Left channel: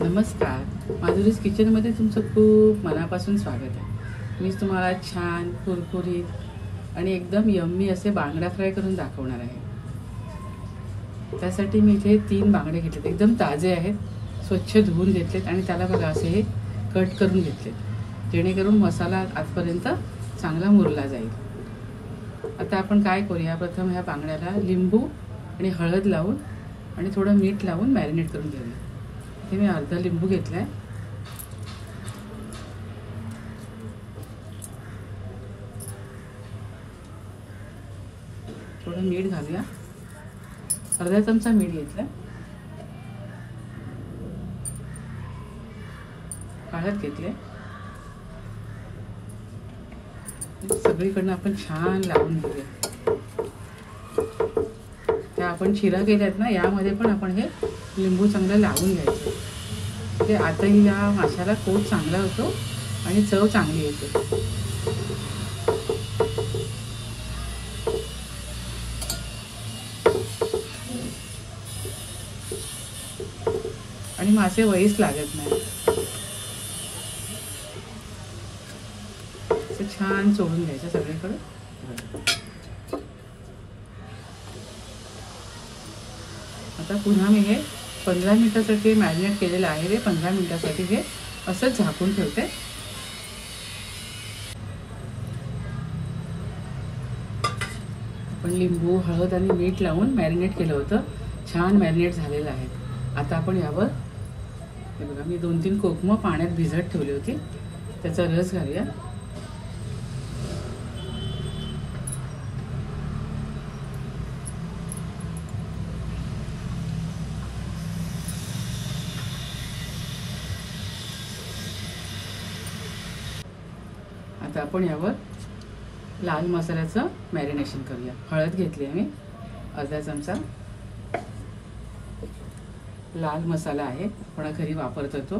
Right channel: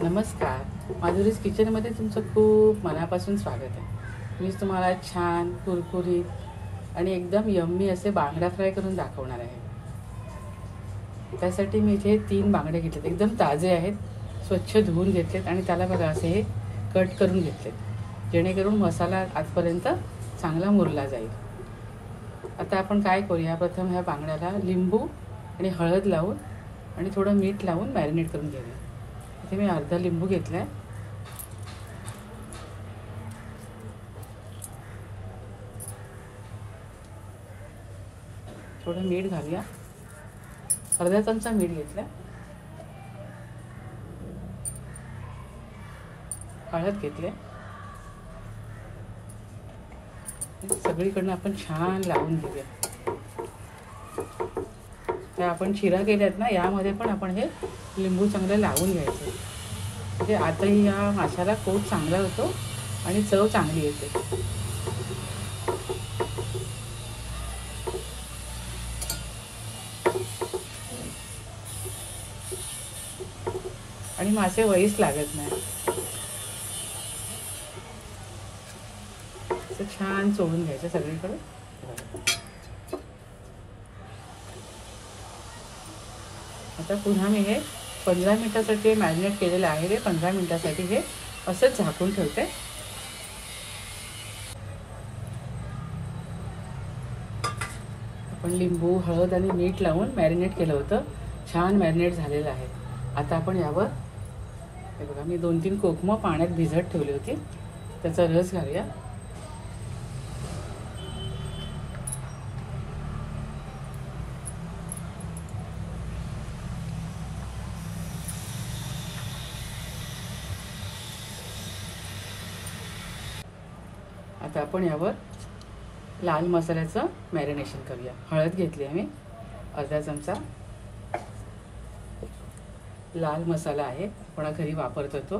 नमस्कार, माधुरीज किचनमध्ये तुमचं खूप मनापासून स्वागत आहे। मी तुम्हाला छान कुरकुरीत आणि एकदम यम्मी असे बांगडा फ्राय करून दाखवणार आहे। त्यासाठी मी इथे 3 बांगडे घेतलेत, एकदम ताजे आहेत, स्वच्छ धुवून घेतलेत आणि त्याला बघा असे कट करून घेतलेत, जेणेकरून मसाला आतपर्यंत चांगला मुरला जाईल। आता आपण काय करूया, प्रथम ह्या बांगड्याला लिंबू आणि हळद लावून आणि थोडं मीठ लावून मॅरिनेट करून घेऊया। इथे मी अर्धा लिंबू घेतलाय, थोडं मीठ घालूया, अर्धा चमचा मीठ घेतलाय, हळद घेतले, सगळीकडनं आपण छान लावून घेऊया। त्या आपण शिरा केल्यात ना, यामध्ये पण आपण हे लिंबू चांगलं लावून घ्यायचं, ते आताही या माशाला खूप चांगला होतो आणि चव चांगली येते। आणि मासे वळीच लागत नाही, छान सोडून घ्यायचं सगळीकडे। आता पुन्हा मी हे 15 मिनिटासाठी मॅरिनेट केलेलं आहे, हे 15 मिनिटासाठी हे असंच झाकून ठेवते। आपण लिंबू हळद आणि मीठ लावून मॅरिनेट केलं होतं, छान मॅरिनेट झालेलं आहे। आता आपण यावर हे बघा, मी 2-3 कोकमं पाण्यात भिजत ठेवली होती, त्याचा रस घालूया। आता आपण यावर लाल मसाल्याचं मॅरिनेशन करूया। हळद घेतली आहे मी, अर्धा चमचा लाल मसाला आहे, आपण घरी वापरतो तो।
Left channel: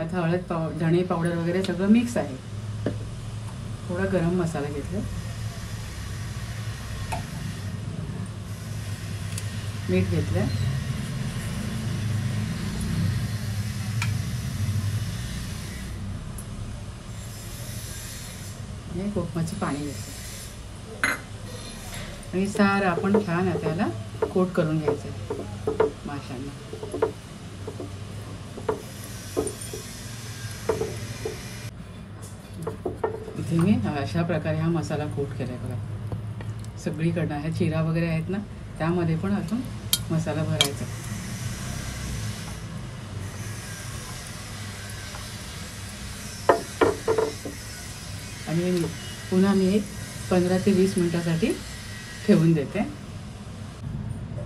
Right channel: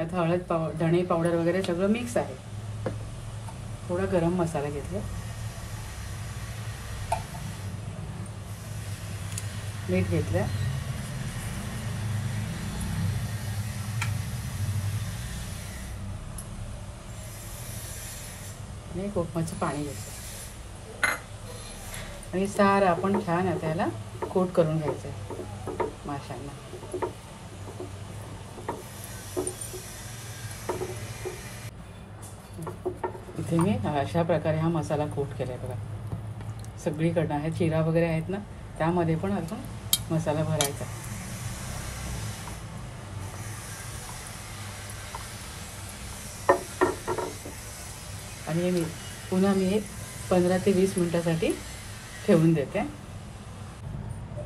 आता हळद धणे पावडर वगैरे सगळं मिक्स आहे। थोडा गरम मसाला घेतला, मीठ घेतलं, कोकमाचं पाणी घ्यायचं आणि सार आपण छान त्याला कोट करून घ्यायचं माशांना। इथे मी अशा प्रकारे हा मसाला कोट केलाय बघा, सगळीकडनं आहे, चिरा वगैरे आहेत ना, त्यामध्ये पण अजून मसाला भरायचा। आणि पुन्हा मी 15 ते 20 मिनिटासाठी ठेवून देते।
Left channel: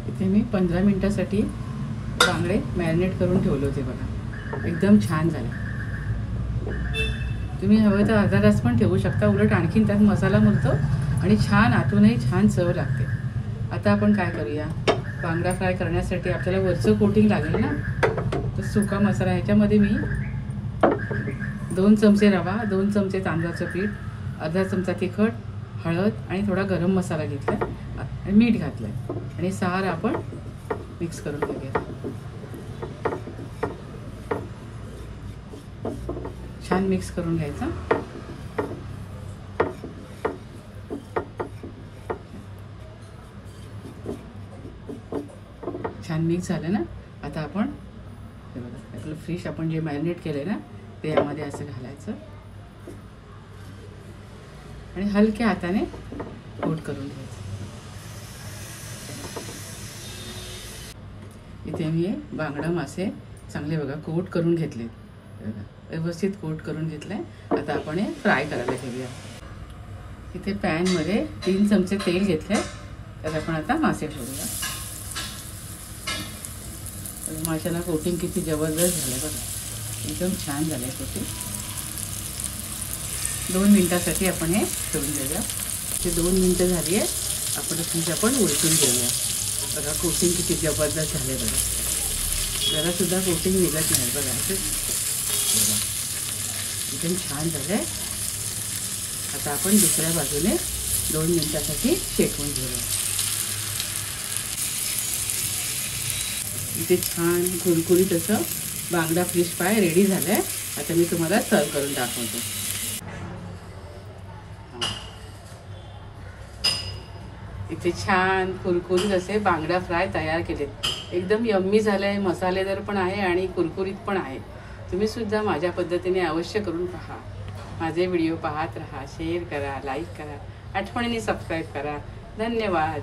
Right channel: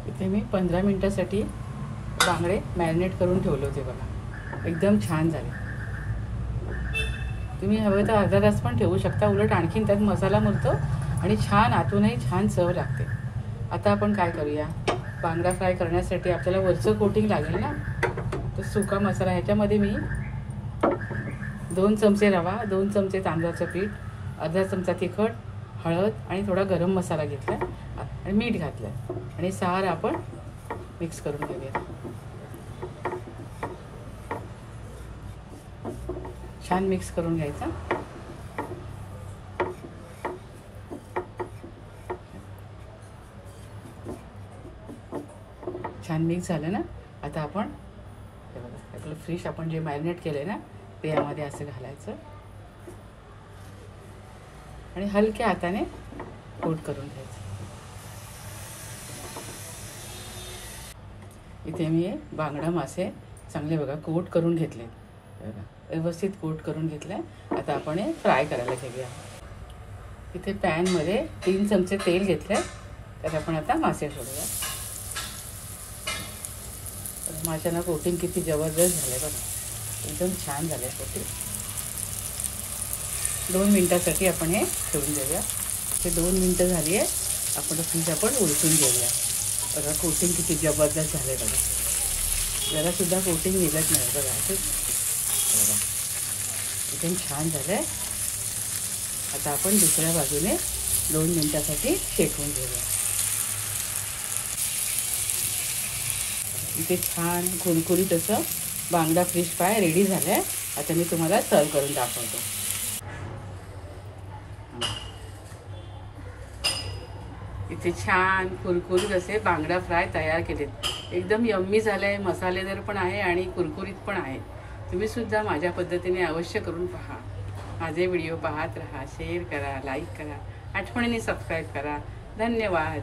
इथे मी 15 मिनिटासाठी बांगडे मॅरिनेट करून ठेवले होते बघा, एकदम छान झाले। तुम्ही हवं तर अर्धा तास पण ठेवू शकता, उलट आणखीन त्यात मसाला मुरतो आणि छान आतूनही छान चव लागते। आता आपण काय करूया, बांगडा फ्राय करण्यासाठी आपल्याला वरचं कोटिंग लागेल ना, तर सुका मसाला ह्याच्यामध्ये मी 2 चमचे रवा, 2 चमचे तांदळाचं पीठ, अर्धा चमचा तिखट, हळद आणि थोडा गरम मसाला घेतला आणि मीठ घातलं आणि सार आपण मिक्स करून घेऊया। छान मिक्स करून घ्यायचं। छान मिक्स झालं ना, आता आपण आपलं फिश आपण जे मॅरिनेट केले ना, ते यामध्ये असं घालायचं आणि हलक्या हाताने कोट करून घ्यायचं। इथे मी बांगडा मासे चांगले बघा कोट करून घेतले, व्यवस्थित कोट करून घेतले। आता आपण हे फ्राय करायला घेऊया। इथे पॅन मध्ये 3 चमचे तेल घेतले, तर आपण आता मासे ठेवूया। माशाला कोटिंग किती जबरदस्त झालं बघा, एकदम छान झालंय कोटिंग। 2 मिनिटासाठी आपण हे ठेवून देऊया। हे 2 मिनिटं झाली आहे, आपण उलटून घेऊया। बघा कोटिंग किती जबरदस्त झाले बघा, जरा सुद्धा कोटिंग मिळत नाही बघा, एकदम छान झालंय। आता आपण दुसऱ्या बाजूने 2 मिनिटासाठी शेकून घेऊया। इथे छान कुरकुरीत असं बांगडा फिश फ्राय रेडी झालाय. आता मी तुम्हाला सर्व करून दाखवते. इथे छान कुरकुरीत असे बांगडा फ्राय तयार केलेत. एकदम यम्मी झालंय, मसालेदार पण आहे आणि कुरकुरीत पण आहे. तुम्ही सुद्धा माझ्या पद्धतीने अवश्य करून पहा. माझे व्हिडिओ पाहत राहा, शेअर करा, लाईक करा, आठवणीने सबस्क्राईब करा. धन्यवाद.